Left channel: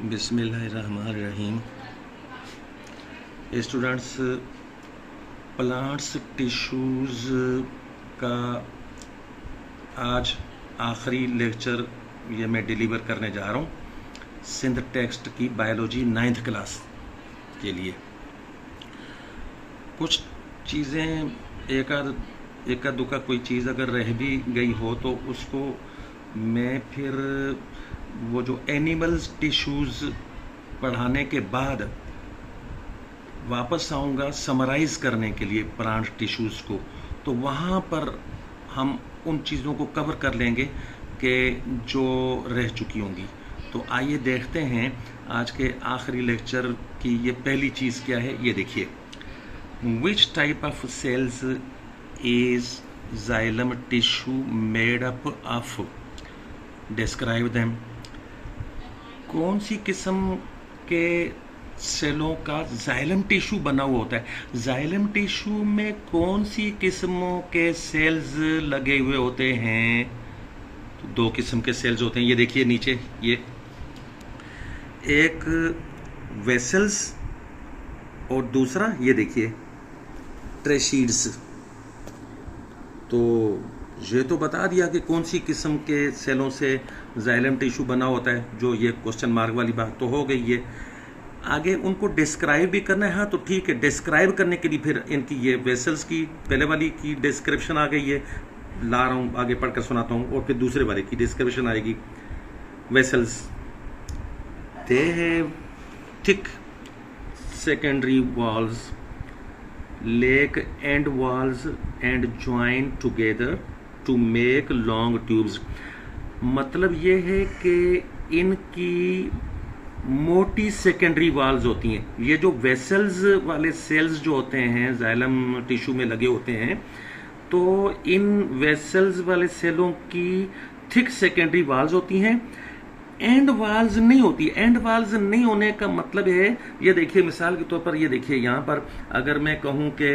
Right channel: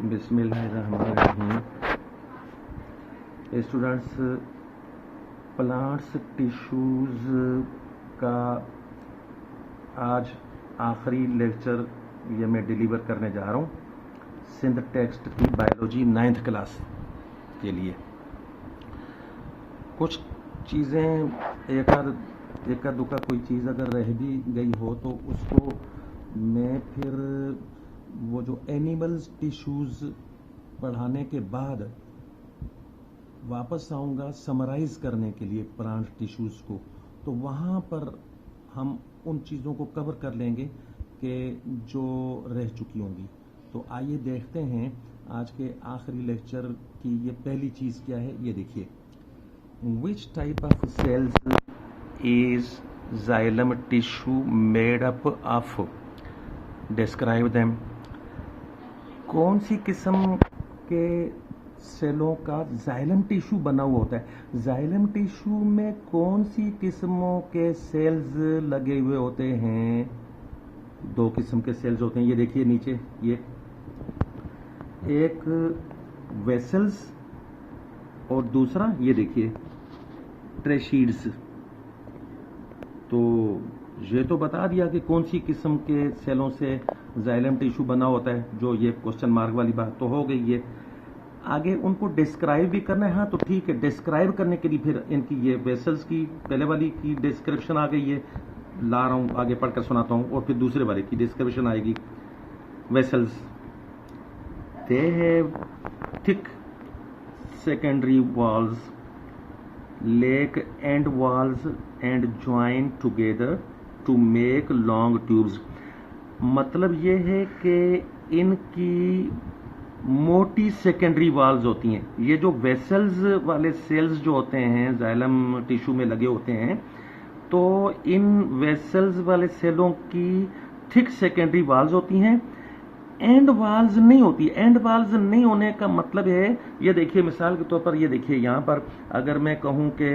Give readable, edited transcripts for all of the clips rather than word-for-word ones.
बिस्मिल्लाहिर्रहमानिर्रहीम। Students, plants tissues का आज आखिरी लेक्चर ये मैं डिलीवर करने जा रहा हूँ सिंध टेक्स्ट की बायोलॉजी 9th क्लास के लिए। कुछ चीज़ें एका दुका कोई चीज़ अगर रह भी गई हो तो उसको मैं फिर वो जो एनिमल्स टिश्यूज़ पढ़ाने के बाद वापस आऊँगा समराइज़ करने के लिए प्लांट टिश्यूज़ को, तो वहाँ पर हम उन चीज़ों को कवर कर लेंगे कि जो रह चुकी होंगी। तो आइए देखते हैं आज के आखिरी लेक्चर की ये पहली चीज़ क्या है। ये देखिए, which type of cells is xylem tissue made up of, describe them. कौन सी किस्म के सेलों का जाइलम टिश्यू बना हुआ होता है। जाइलम टिश्यू में कौन सी किस्मों के सेल्स लगे हुए होते हैं। तो दो किस्म के सेल्स होते हैं। ये देखिए नीचे, ये एक वेसल्स और दूसरा ये देखिए ट्रेशीड्स। तो ये तो बता दिया कि कौन सी किस्म के सेलों से जाइलम टिश्यू बना होता है, जो ये क्वेश्चन मार्क वाली बात तो हो गई है। आगे उनको डिस्क्राइब भी करना है। हाँ तो ठीक है, डिस्क्राइब करने के लिए फिर इनकी ये वेसल्स की पहले वाली की डिस्क्रिप्शन आ गई है, ला रहा हूँ आगे पढ़कर सुनाता हूँ, और फिर दूसरे वाले की डिस्क्रिप्शन आएगी। Vessels, they have thick secondary walls, lack end walls and join together to make long tubes. मतलब ये है कि इनकी मोटी सेकेंडरी वॉल्स होती हैं। ये जो वेसल्स वाले सेल्स जो होते हैं जाइलम टिश्यू में लगे होते हैं, तो इन वेसल्स वाले सेलों की थिक सेकेंडरी वॉल्स होती हैं, एंड वाल्स नहीं होती। एंड वाल्स नहीं होने का मतलब है, ये देखिए मिसाल के तौर पर, ये देखिए यहाँ पर अगर मैं कहूँ कि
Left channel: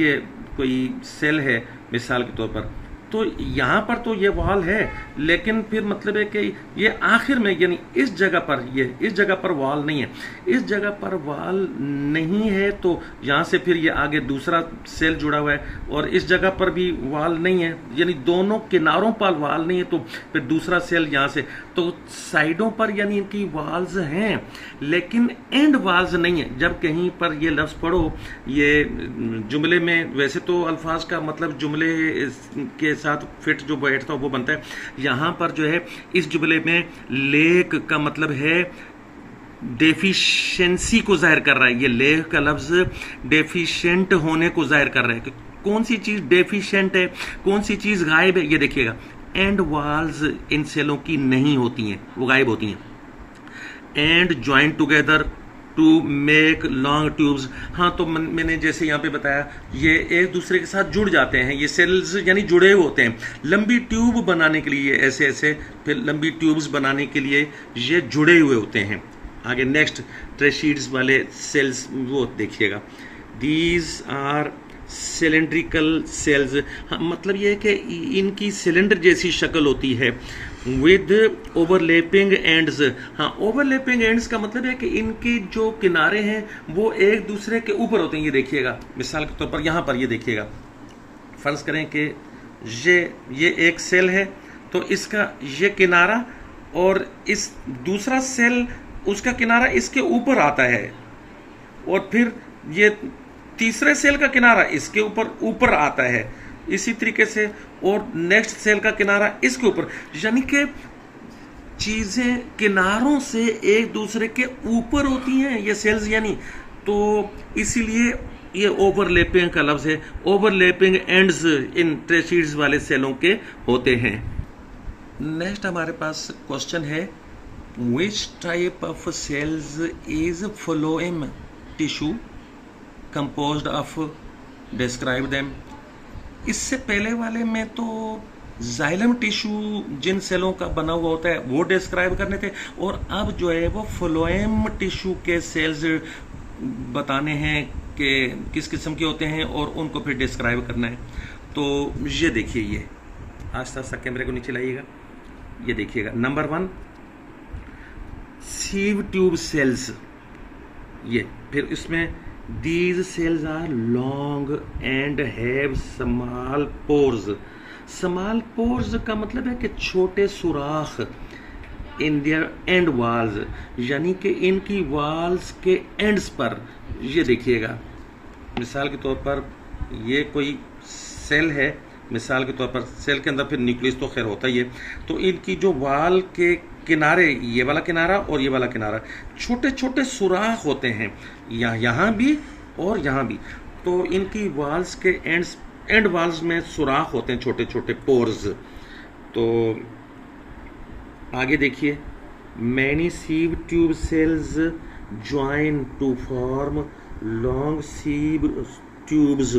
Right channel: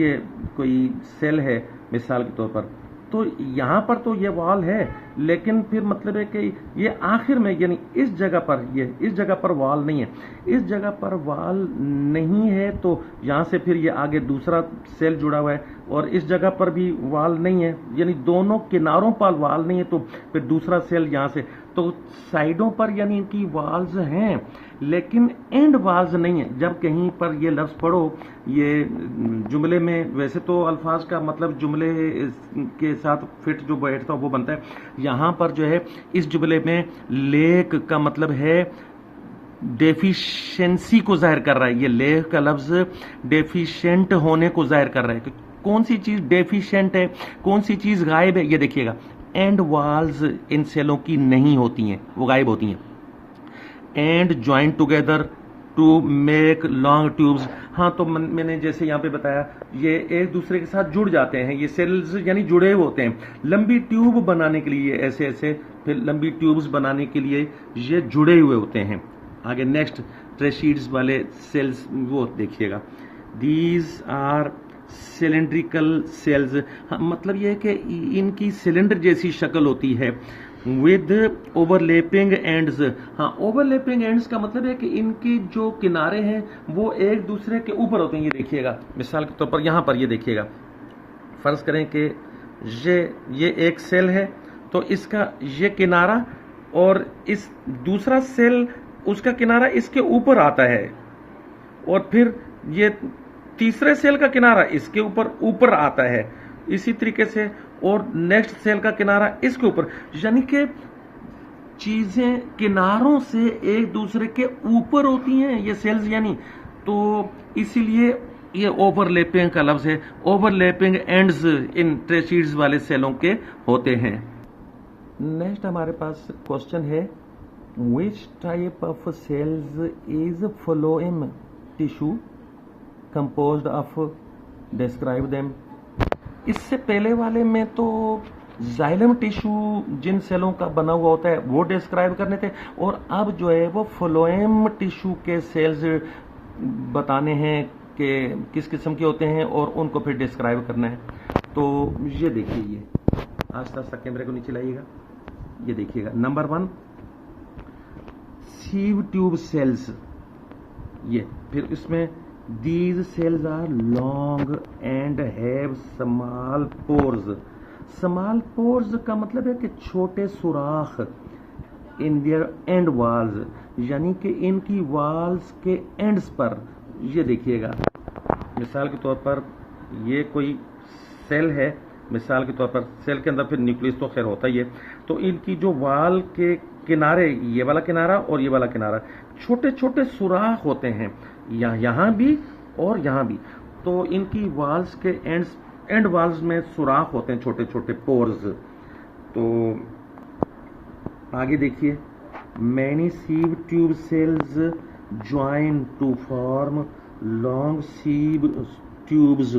ये कोई सेल है मिसाल के तौर पर, तो यहाँ पर तो ये वाल है, लेकिन फिर मतलब है कि ये आखिर में यानी इस जगह पर, ये इस जगह पर वाल नहीं है, इस जगह पर वाल नहीं है, तो यहाँ से फिर ये आगे दूसरा सेल जुड़ा हुआ है, और इस जगह पर भी वाल नहीं है, यानी दोनों किनारों पर वाल नहीं है, तो फिर दूसरा सेल यहाँ से, तो साइडों पर यानी इनकी वाल्स हैं लेकिन एंड वाल्स नहीं है। जब कहीं पर ये लफ्ज़ पढ़ो ये जुमले में, वैसे तो अल्फाज का मतलब जुमले के साथ फिट जो बैठता है वो बनता है। यहाँ पर जो है इस जुमले में लेक का मतलब है डेफिशिएंसी को जाहिर कर रहा है। ये लेक का लफ्ज़ डेफिशिएंट होने को जाहिर कर रहा है कि कौन सी चीज़ डेफिशिएंट है, कौन सी चीज़ गायब है। ये देखिएगा, एंड वाल्स इन सेलों की नहीं होती हैं, वो गायब होती हैं। And join together to make long tubes. हाँ तो मैंने जैसे यहाँ पे बताया, ये एक दूसरे के साथ जुड़ जाते हैं, ये सेल्स यानी जुड़े हुए होते हैं लंबी ट्यूब बनाने के लिए, ऐसे ऐसे फिर लंबी ट्यूब्स बनाने के लिए ये जुड़े हुए होते हैं। आगे नेक्स्ट ट्रेशीड्स वाले सेल्स वो देखिएगा, दीज आर सिलेंड्रिकल सेल्स। हाँ मतलब ये है कि इनकी सिलेंडर जैसी शक्ल होती है, विद ओवरलैपिंग एंड्स। हाँ ओवरलैपिंग एंड्स का मतलब है कि इनकी जो किनारे हैं वो एक दूसरे के ऊपर होते हैं। ये देखिएगा मिसाल के तौर पर यहाँ पर ये देखिएगा, फर्ज करें कि ये एक सेल है, तो इसका ये किनारा और इस दूसरा सेल उसका किनारा इसके ऊपर आता है, और फिर ये तीसरे सेल का किनारा इसके ऊपर आता है, इसी तरीके से, और नेक्स्ट सेल का किनारा इसके ऊपर, यानी कि चीजें किनारों से एक दूसरे के ऊपर होती हैं ये सेल्स यानी। तो इसीलिए ये ओवरलैपिंग का लफ्ज है, ओवरलैपिंग एंड्स इन ट्रेशीड्स वाले सेलों के होते हैं। नेक्स्ट हमारे पास क्वेश्चन है, which type of cells is phloem tissue composed of, describe them. इससे पहले वाले में तो जाइलम टिश्यू जिन सेलों का बना हुआ होता है वो डिस्क्राइब करने थे, और अब जो है वो फ्लोएम टिश्यू के सेल्स बताने हैं कि किस किस्म के होते हैं और उनको फिर डिस्क्राइब करना है। तो ये देखिए, ये आस्ता आस्ता कैमरे को नीचे लाइएगा, ये देखिएगा नंबर 1 सीव ट्यूब सेल्स, ये फिर इसमें these cells are long and have small pores. Small pores का मतलब है कि छोटे सुराख इन देयर एंड वाल्स, यानी कि इनकी वाल्स के एंड्स पर। ये देखिएगा, मिसाल के तौर पर ये कोई सेल है, मिसाल के तौर पर सेल के अंदर फिर न्यूक्लियस तो खैर होता ही है, तो इनकी जो वाल के किनारे, ये वाला किनारा और ये वाला किनारा, छोटे छोटे सुराख होते हैं, यहाँ भी और यहाँ भी। तो इनकी वाल्स के एंड वाल्स में सुराख होते हैं, छोटे छोटे पोर्स। तो आगे देखिए, many sieve tube cells join to form long sieve tubes.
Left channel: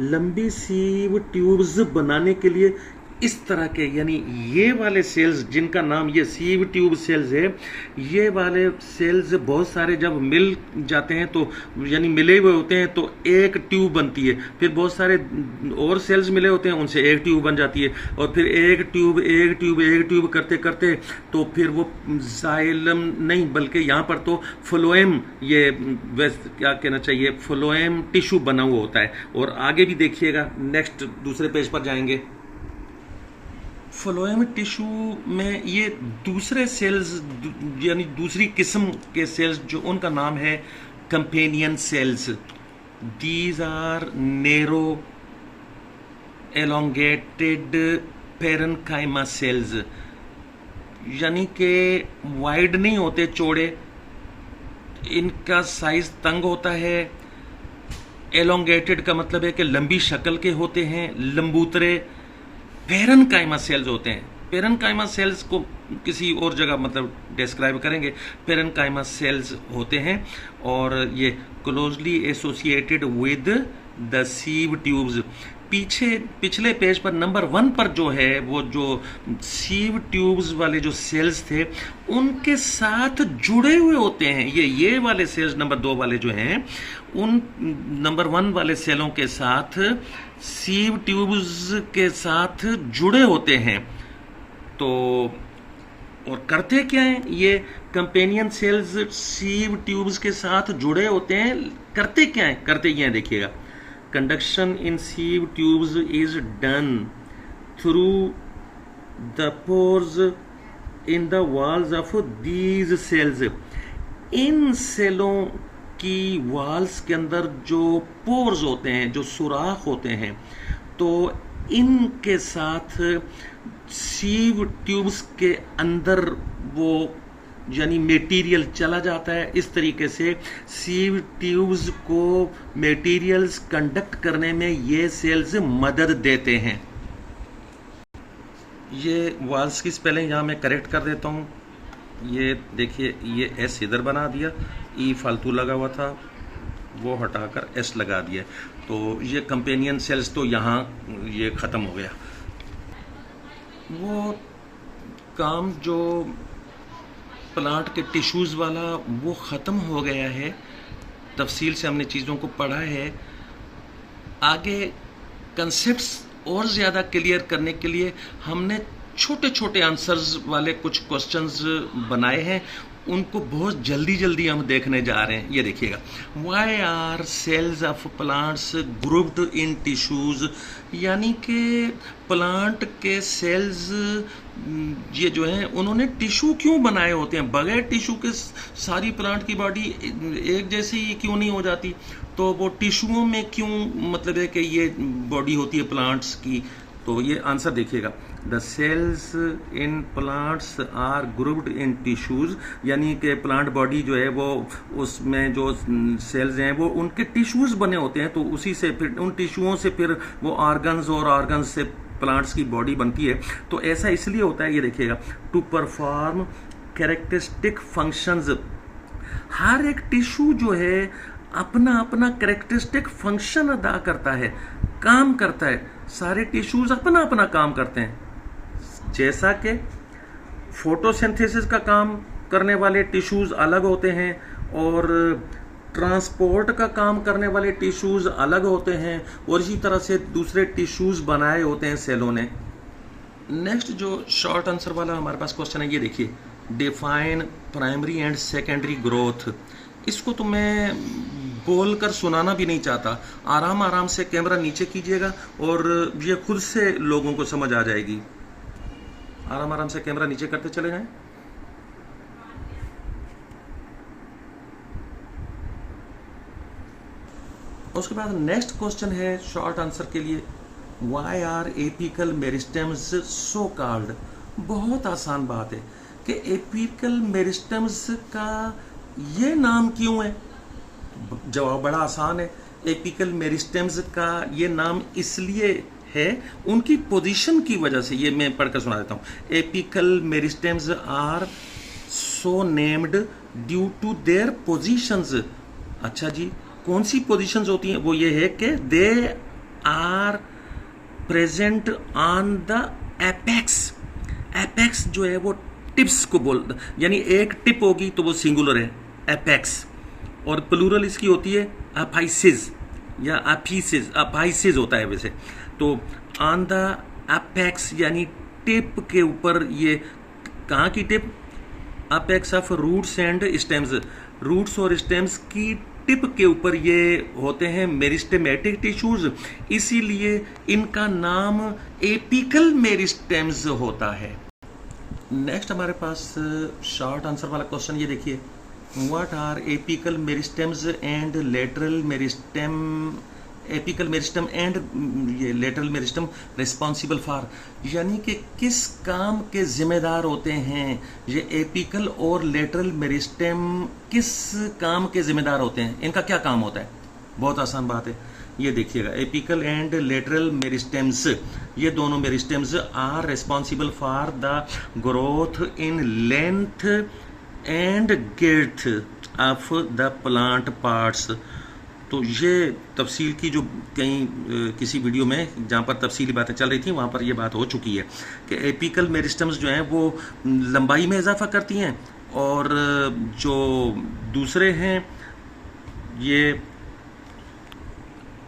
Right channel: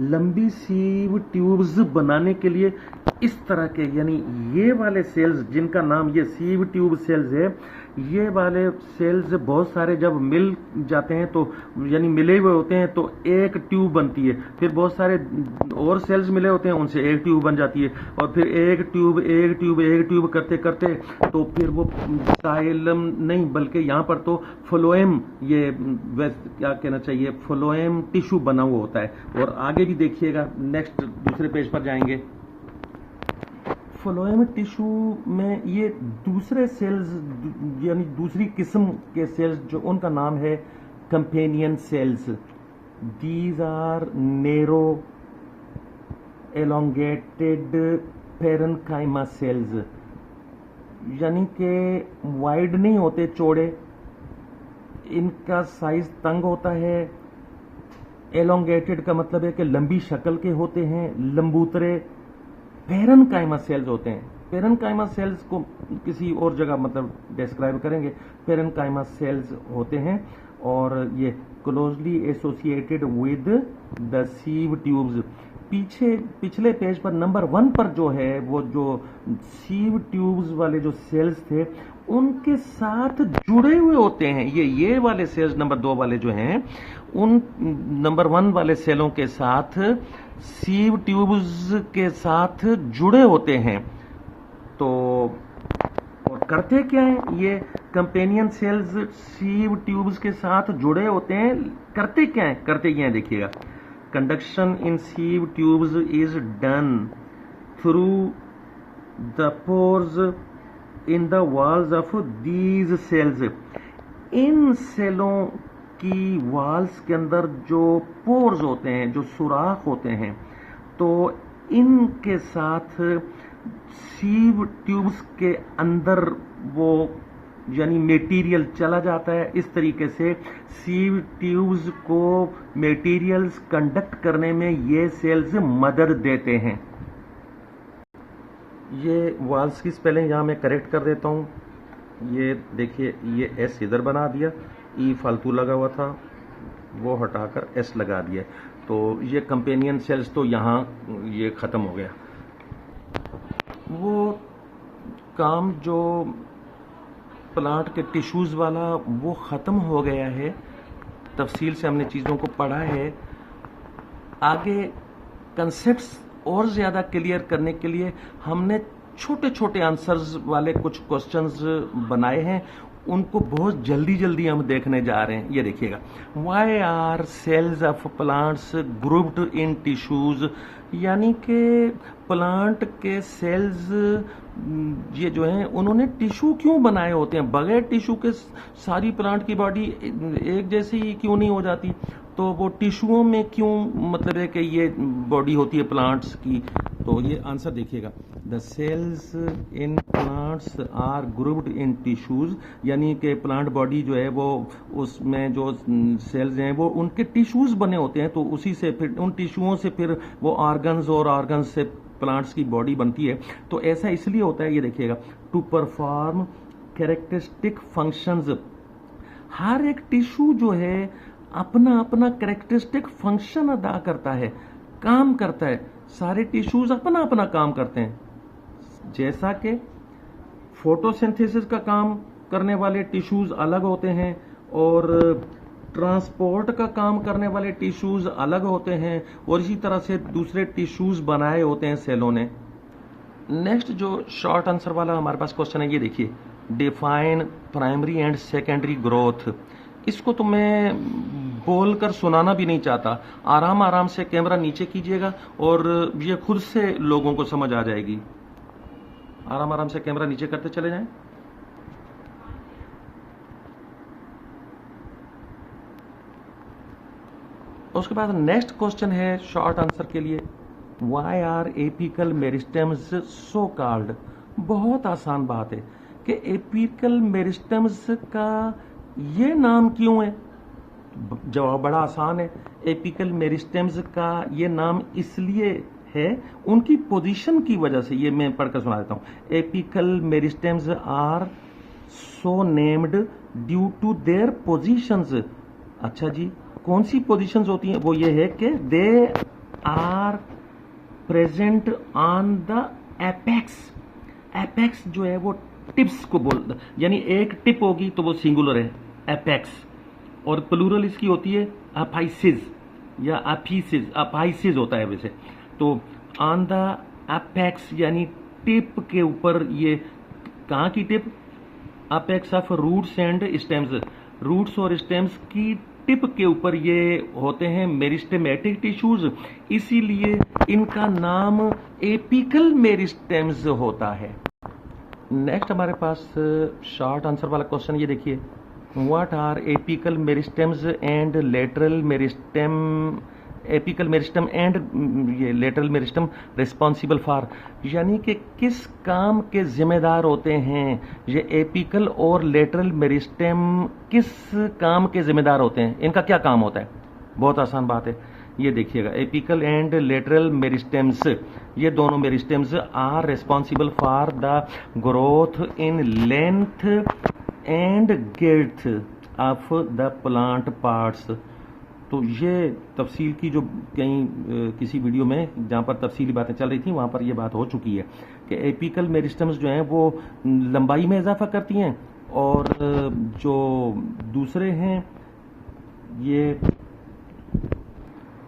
लंबी सीव ट्यूब्स बनाने के लिए इस तरह के, यानी ये वाले सेल्स जिनका नाम ये सीव ट्यूब सेल्स है, ये वाले सेल्स बहुत सारे जब मिल जाते हैं तो, यानी मिले हुए होते हैं तो एक ट्यूब बनती है, फिर बहुत सारे और सेल्स मिले होते हैं उनसे एक ट्यूब बन जाती है, और फिर एक ट्यूब एक ट्यूब एक ट्यूब करते करते तो फिर वो साइलम नहीं बल्कि यहाँ पर तो फ्लोएम, ये क्या कहना चाहिए, फ्लोएम टिश्यू बना हुआ होता है। और आगे भी देखिएगा, नेक्स्ट दूसरे पेज पर जाएंगे, फ्लोएम टिश्यू में ये दूसरे सेल्स, यानी दूसरी किस्म के सेल्स जो उनका नाम है companion cells. These are narrow elongated parenchyma cells, यानी कि वाइड नहीं होते, चौड़े, इनका साइज तंग होता है। एलोंगेटेड का मतलब है कि लंबी शक्ल के होते हैं, लंबूतरे। पेरेन्काइमा सेल्स होते हैं, पेरेन्काइमा सेल्स को किसी और जगह मतलब डिस्क्राइब करेंगे, पेरेन्काइमा सेल्स होते हैं और ये closely associated with the sieve tubes. पिछले पेज पर नंबर 1 पर जो है, वो जो सीव ट्यूब्स वाले जो सेल्स थे उनके साथ जुड़े हुए होते हैं। ये वाले सेल्स नंबर 2 वाले जो हैं, उन नंबर 1 वाले सेलों के साथ सीव ट्यूब्स के साथ जुड़े होते हैं। तो और करते क्या हैं ये कंपेनियन सेल्स, सीव ट्यूब्स के साथ जुड़े होते हैं, करते क्या हैं, करते ये हैं, देखिएगा, conduction in sieve tubes is done through the pores in the walls of these cells. इन सेलों की वॉल्स के अंदर जो पोर्स होते हैं, जो सुराख होते हैं, तो इनके साथ सीव ट्यूब्स के अंदर वो यानी मटेरियल चला जाता है। इस तरीके से सीव ट्यूब्स को मटेरियल्स कंडक्ट करने में ये सेल्स मदद देते हैं। ये वॉल्स की स्पेलिंग यहाँ मैं करेक्ट कर देता हूँ। ये देखिए, ये एस इधर बना दिया, ई फालतू लगा हुआ था वो हटाकर एस लगा दिया, तो ये कंपेनियन सेल्स तो यहाँ ये ख़त्म हो गया। वो काम जो प्लांट के टिश्यूज़ वाला वो ख़त्म हो गया है, तफसील से हमने चीज़ों को पढ़ा है। आगे कंसेप्ट्स और ज़्यादा क्लियर करने के लिए हमने छोटे छोटे आंसर्स वाले कुछ क्वेश्चंस बनाए हैं, उनको बहुत जल्दी जल्दी हम देखने जा रहे हैं। ये देखिएगा, why are cells of plants grouped in tissues, यानी कि प्लांट के सेल्स ये जो हैं उन्होंने टिश्यू क्यों बनाए होते हैं, बगैर टिश्यू के सारी प्लांट की बॉडी एक जैसी क्यों नहीं हो जाती, तो वो टिश्यूओं में क्यों, मतलब है कि ये बॉडी होती है प्लांट्स की। तो ये आंसर देखिएगा, the cells in plants are grouped in tissues, यानी कि प्लांट बॉडी जो है वो उसमें जो सेल्स हैं वो उनके टिश्यूज़ बने होते हैं, तो उसी से फिर उन टिश्यूओं से फिर वो ऑर्गन्स और ऑर्गन्स से प्लांट्स की बॉडी बनती है। तो ऐसा इसलिए होता है, ये देखिएगा, टू परफॉर्म कैरेक्टरिस्टिक फंक्शंस। हर एक टिश्यू जो है अपना अपना कैरेक्टरिस्टिक फंक्शन अदा करता है, काम करता है, सारे टिश्यूज अपना अपना काम करते हैं। जैसा कि फोटोसिंथेसिस का काम करने वाले टिश्यूज अलग होते हैं और ट्रांसपोर्ट का काम करने वाले टिश्यूज अलग होते हैं, और इसी तरह से दूसरे टिश्यूज बनाए होते हैं सेलों ने। नेक्स्ट जो शॉर्ट आंसर वाला हमारे पास क्वेश्चन है, ये देखिए, define primary and secondary growth. इसको तो मैं बोलकर सुनाना भी नहीं चाहता। आराम आराम से कैमरा नीचे कीजिएगा और ये खुद से लोगों को समझ आ जाएगी। आराम आराम से कैमरा नीचे करते चले जाएं। उसके बाद नेक्स्ट क्वेश्चन है शॉर्ट आंसर के लिए, why are apical meristems so called. बहुत आसान बात है कि एपिकल मेरिस्टेम्स का ये नाम क्यों है। जवाब बड़ा आसान है, एपिकल मेरिस्टेम्स का ये नाम इसलिए है उनकी पोजीशन की वजह से। ये मैं पढ़कर सुना देता हूँ। Apical meristems are so named due to their positions. अच्छा जी, कौन सी पोजीशंस होती हैं? वो ये है कि they are present on the apex. Apex जो है वो टिप्स को बोल, यानी एक टिप होगी तो वो सिंगुलर है एपेक्स, और प्लूरल इसकी होती है अपाइसिस या अफीसिस। अपाइसिस होता है वैसे तो। ऑन द एपेक्स यानी टिप के ऊपर। ये कहाँ की tip? Apex of roots and stems. Roots और स्टेम्स की टिप के ऊपर ये होते हैं मेरिस्टेमेटिक टिश्यूज, इसीलिए इनका नाम एपिकल मेरिस्टेम्स होता है। नेक्स्ट हमारे पास शॉर्ट आंसर वाला क्वेश्चन ये देखिए, what are apical meristems and lateral meristem. Apical meristem and ये लेटरल मेरिस्टम रिस्पॉन्सिबल फॉर, यानी कि किस काम के जिम्मेदार होते हैं ये एपिकल और लेटरल मेरिस्टम, किस काम के जिम्मेदार होते हैं, इनका क्या काम होता है। बहुत आसान बात है, ये देखिएगा, एपिकल एंड लेटरल मेरिस्टेम्स, ये दोनों meristems are responsible for the growth in length and girth of the plant parts. तो ये तफसील की जो कहीं किसी वीडियो में जहाँ पर तफसीली बातें चल रही थी वहाँ पर ये बात हो चुकी है कि एपिकल मेरिस्टम्स जो हैं वो लंबाई में इजाफा करती हैं, और जो दूसरे हैं ये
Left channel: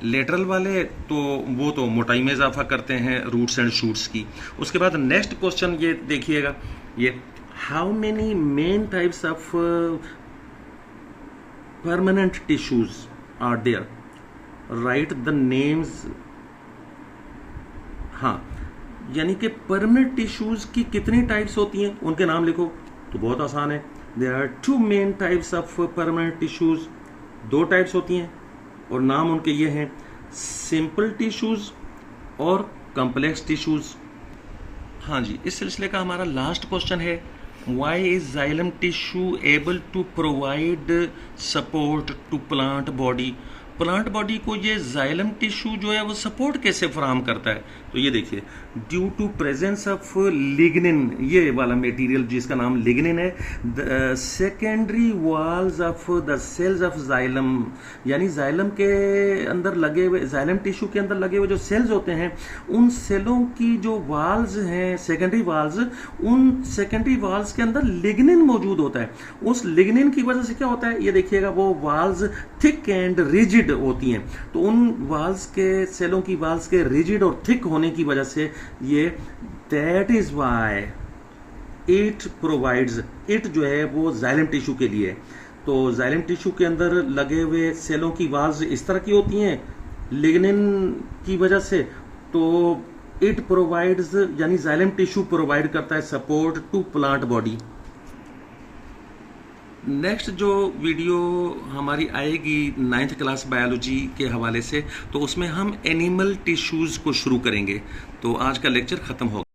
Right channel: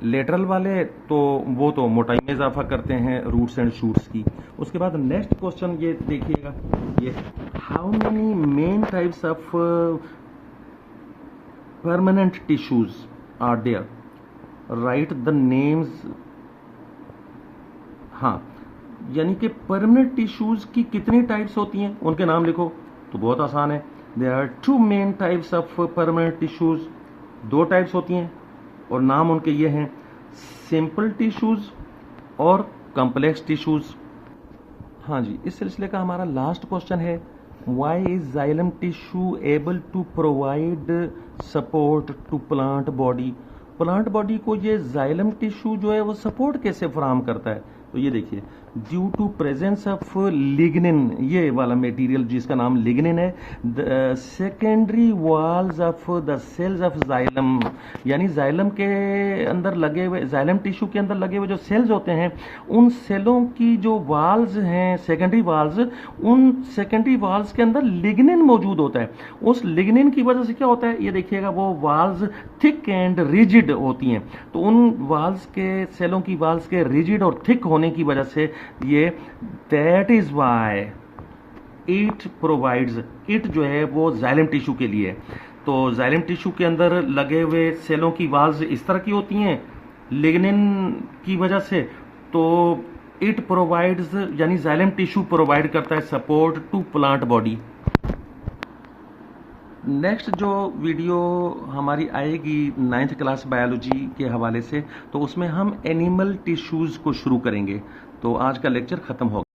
लेटरल वाले तो वो तो मोटाई में इजाफा करते हैं रूट्स एंड शूट्स की। उसके बाद नेक्स्ट क्वेश्चन ये देखिएगा, ये how many main types of permanent tissues are there, write the names. हाँ, यानी कि परमानेंट टिश्यूज की कितनी टाइप्स होती हैं उनके नाम लिखो। तो बहुत आसान है, there are 2 main types of permanent tissues. 2 types होती हैं और नाम उनके ये हैं, सिंपल टिश्यूज और कॉम्प्लेक्स टिश्यूज। हाँ जी, इस सिलसिले का हमारा लास्ट क्वेश्चन है, why is xylem tissue able to provide support to plant body. Plant body को ये जाइलम टिश्यू जो है वो सपोर्ट कैसे फराहम करता है। तो ये देखिए, due to presence of lignin, ये वाला मटेरियल जिसका नाम लिग्निन है, the secondary walls of the cells of xylem, यानी जाइलम के अंदर लगे हुए, जाइलम टिश्यू के अंदर लगे हुए जो सेल्स होते हैं, उन सेलों की जो वाल्स हैं सेकेंडरी वाल्स, उन सेकेंडरी वाल्स के अंदर लिग्निन मौजूद होता है। उस लिग्निन की वजह से क्या होता है, ये देखिएगा, वो वाल्स थिक एंड रिजिड होती हैं। तो उन वाल्स के, सेलों की वाल्स के रिजिड और थिक होने की वजह से ये, that is why it provides, it जो है वो जाइलम टिश्यू के लिए। तो जाइलम टिश्यू के अंदर लगे हुए सेलों की वाल्स इस तरह की होती हैं लिग्निन की वजह से। तो इट प्रोवाइड्स, यानी जाइलम टिश्यू प्रोवाइड करता है support to plant body. Next जो वीडियो हमारी आएगी 9th क्लास बायोलॉजी के हवाले से, तो उसमें हम एनिमल टिश्यूज़ को शुरू करेंगे। तो आज का लेक्चर ख़त्म हो गया।